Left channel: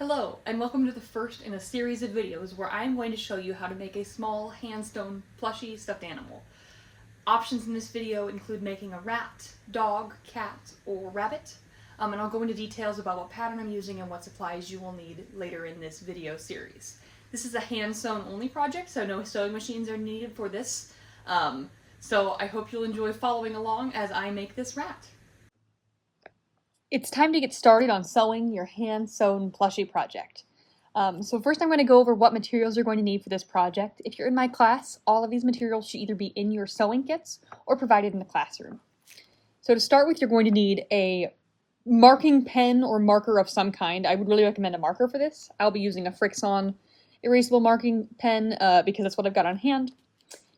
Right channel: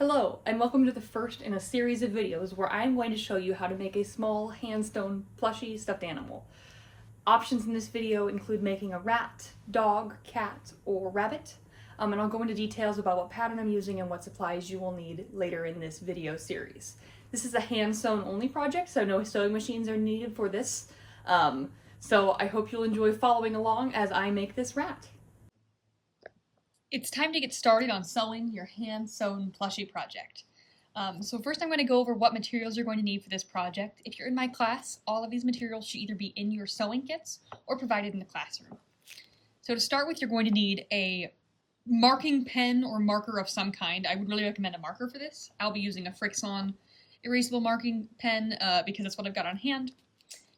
Hello, and welcome to the first in a series of videos where I'm going to show you how to make a small hand-sewn plushie stuffed animal. Options in this video include making a rat, dog, cat, or rabbit, and I'll go into details about what pattern I'm using and what supplies you will need later in this video series. This is a hand-sewn only project, so no sewing machines are needed for this, so I hope you'll enjoy following along as I make this rat. It's time to get started on sewing your hand-sewn plushie project. So first I'm going to go over what materials you're going to need for this project. If you're in my class, all of these materials should either be in your sewing kits or provided in the classroom. So to start with, you're going to need a marking pen or marker of some kind. I would really recommend a marker for this. I'll be using a Frixion erasable marking pen because that's what I've got on hand.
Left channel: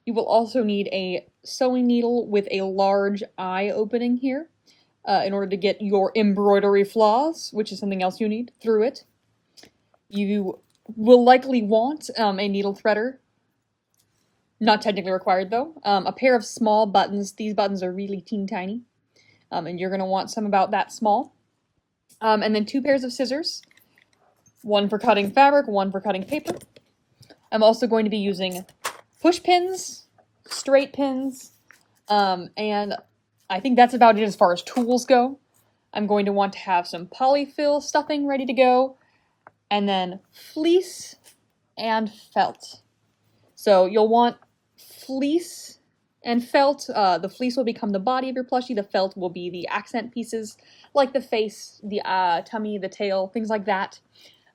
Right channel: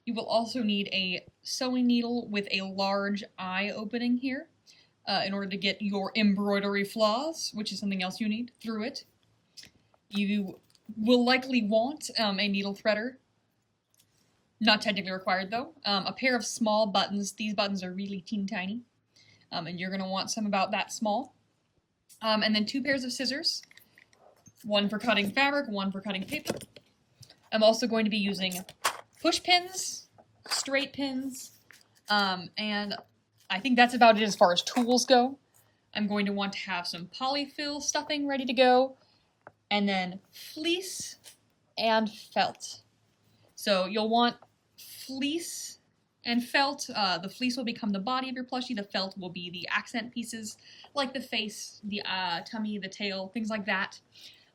You will also need a sewing needle with a large eye opening here. In order to get your embroidery flaws, which is something else you need, through it. You will likely want a needle threader. Not technically required though. A pair of small buttons. These buttons are really teeny tiny. And you're going to want some about that small. And then 2 pairs of scissors. One for cutting fabric, one for cutting paper. I'm also going to be using push pins, straight pins, and I think that's about it as far as tools go. I'm going to want to have some polyfill stuffing ready to go, and then fleece and felt. So you'll want fleece and felt. The fleece will become the body of your plushie. The felt will be the accent pieces, like the face, the tummy, the tail, things like that.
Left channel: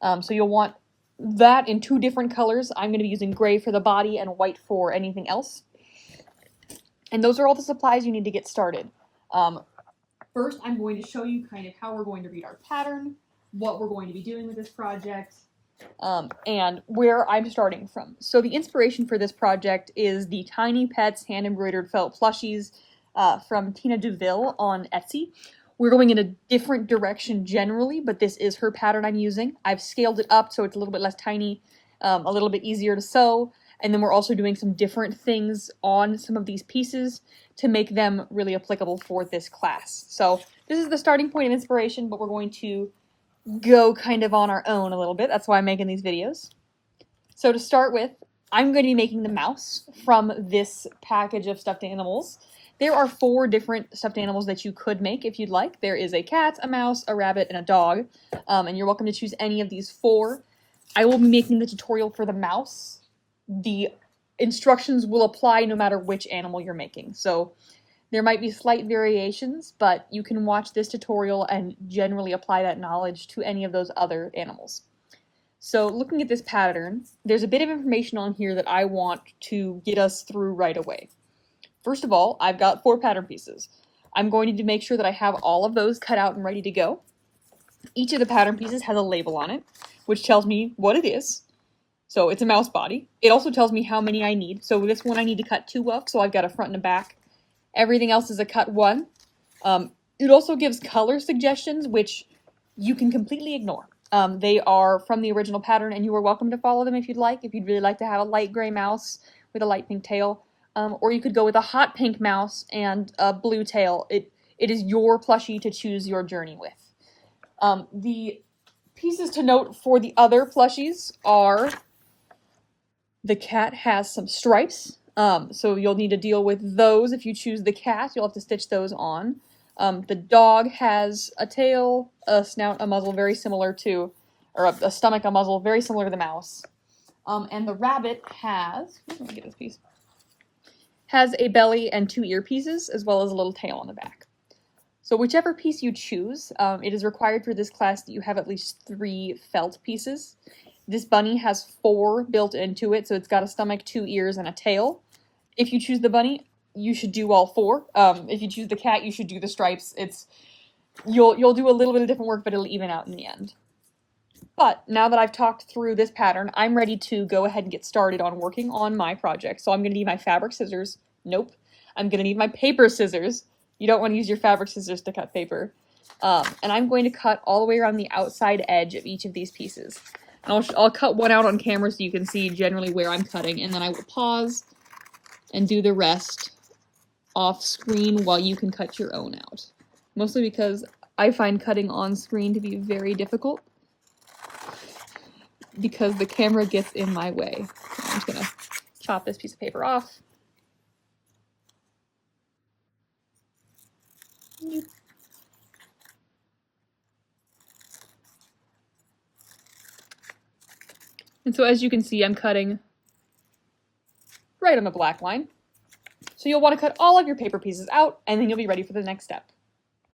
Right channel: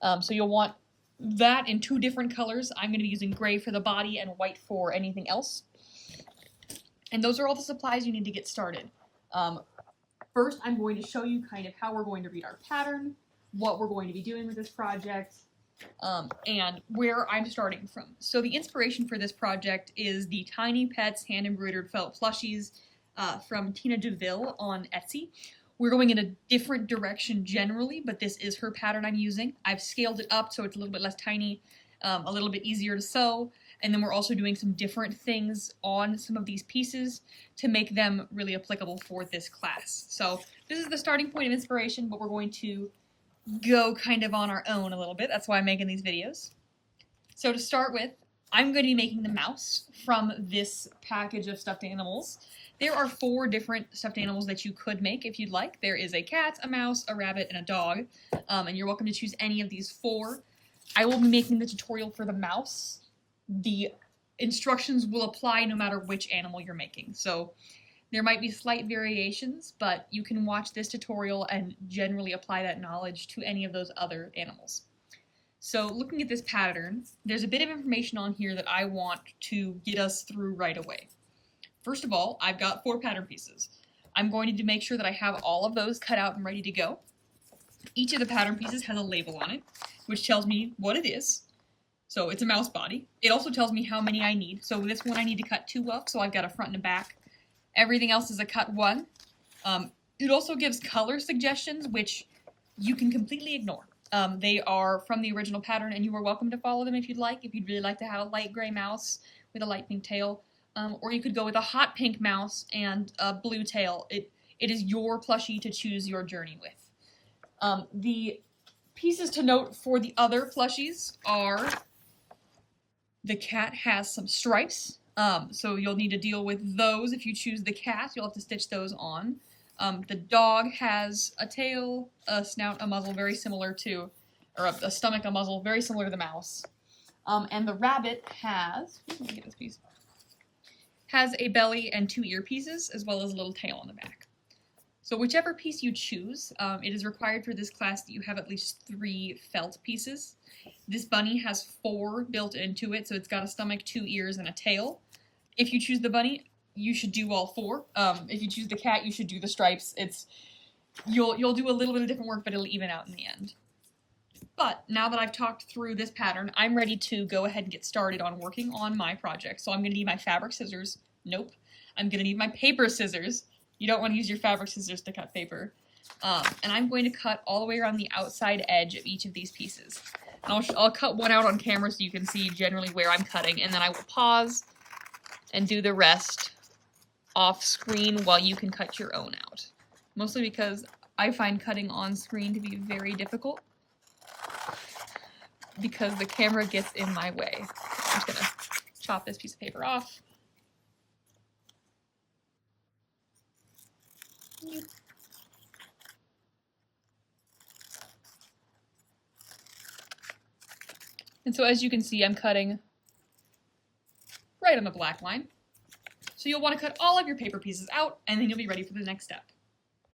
So you'll want that in 2 different colors. I'm going to be using gray for the body and white for anything else. And those are all the supplies you need to get started. First, I'm going to show you kind of how we're going to read our pattern, what we're going to be doing with this project, and where I'm starting from. So the inspiration for this project is the Tiny Pets hand-embroidered felt plushies from Tina DeVille on Etsy. We're going in a different direction generally, but this is her pattern I'm using. I've scaled it up so it's a little bit less tiny, a little bit easier to sew. And then we're also doing some different things on some of these pieces to make them really applicable for this class. So this is the starting point of inspiration, but we're going to go kind of on our own a little bit. That's why I'm making these videos. So to start with, I'm going to be making the mouse from this package of stuffed animals. There are 4 different stuffed animals that you could make if you'd like. There is a cat, a mouse, a rabbit, and a dog. And you're welcome to choose any of these 4. I will be making the tutorial for the mouse. The instructions will apply no matter which animal you're making. So there might be slight variations, but you can watch this tutorial and generally apply that knowledge to any of those other animals. So looking at this pattern, there's a bit of information on here that I want to get us through right away. First of all, I've got 4 pattern pieces. I'm going to need to make sure that I have all of those cut out and ready to go. Each of the pattern pieces has a label on it, which tells me what it is. So it's a mouse body. It also tells me how many I need. So this one I need to cut 2 of, so I've got a front and a back. Everything else is a cut 1. It also gives color suggestions, which you can completely ignore. They are from the original pattern, and you are welcome to follow them if you'd like. If you'd really like to have a light gray mouse with a light pink tail. Or you could go with a hot pink mouse and a blue tail. It is your plushie to choose your journey with. The pieces to note for the other plushies are: the cat has some stripes, so you'll need to deal with those. If you choose the cat, you'll have to stitch those on. The dog has a tail, a snout, a muzzle very similar to, or a stomach, a muzzle very similar to the mouse. And the rabbit has, let me get this piece, has a belly and 2 ear pieces, as well as a little tail on the back. So whichever piece you choose, it is required for this class that you have at least 3 felt pieces. This bunny has 4 built into it, so it's got a stomach, 2 ears, and a tail. If you choose the bunny, you should do all 4. If you choose the cat, you should do the stripes. You'll do a little bit of different work, but it'll even out in the end. But now that I've talked through this pattern, I'm ready to go ahead and get started on working on my project. So I'm going to need my fabric scissors. Nope. I'm going to need my paper scissors. You don't want to use your fabric scissors to cut paper. And I'm going to cut all the way around the outside edge of each of these pieces. I'll cut one out on camera so you can see generally where I'm cutting, and then I will pause and do the rest off screen while you can cut your own out. Mostly because I find cutting on screen to be very difficult. because the camera gets in my way. I'm just gonna chop this piece of paper off. And so as you can see, I'm cutting right on the black line. So you'll want to cut all of your paper pieces out, and then you'll be ready for the next step.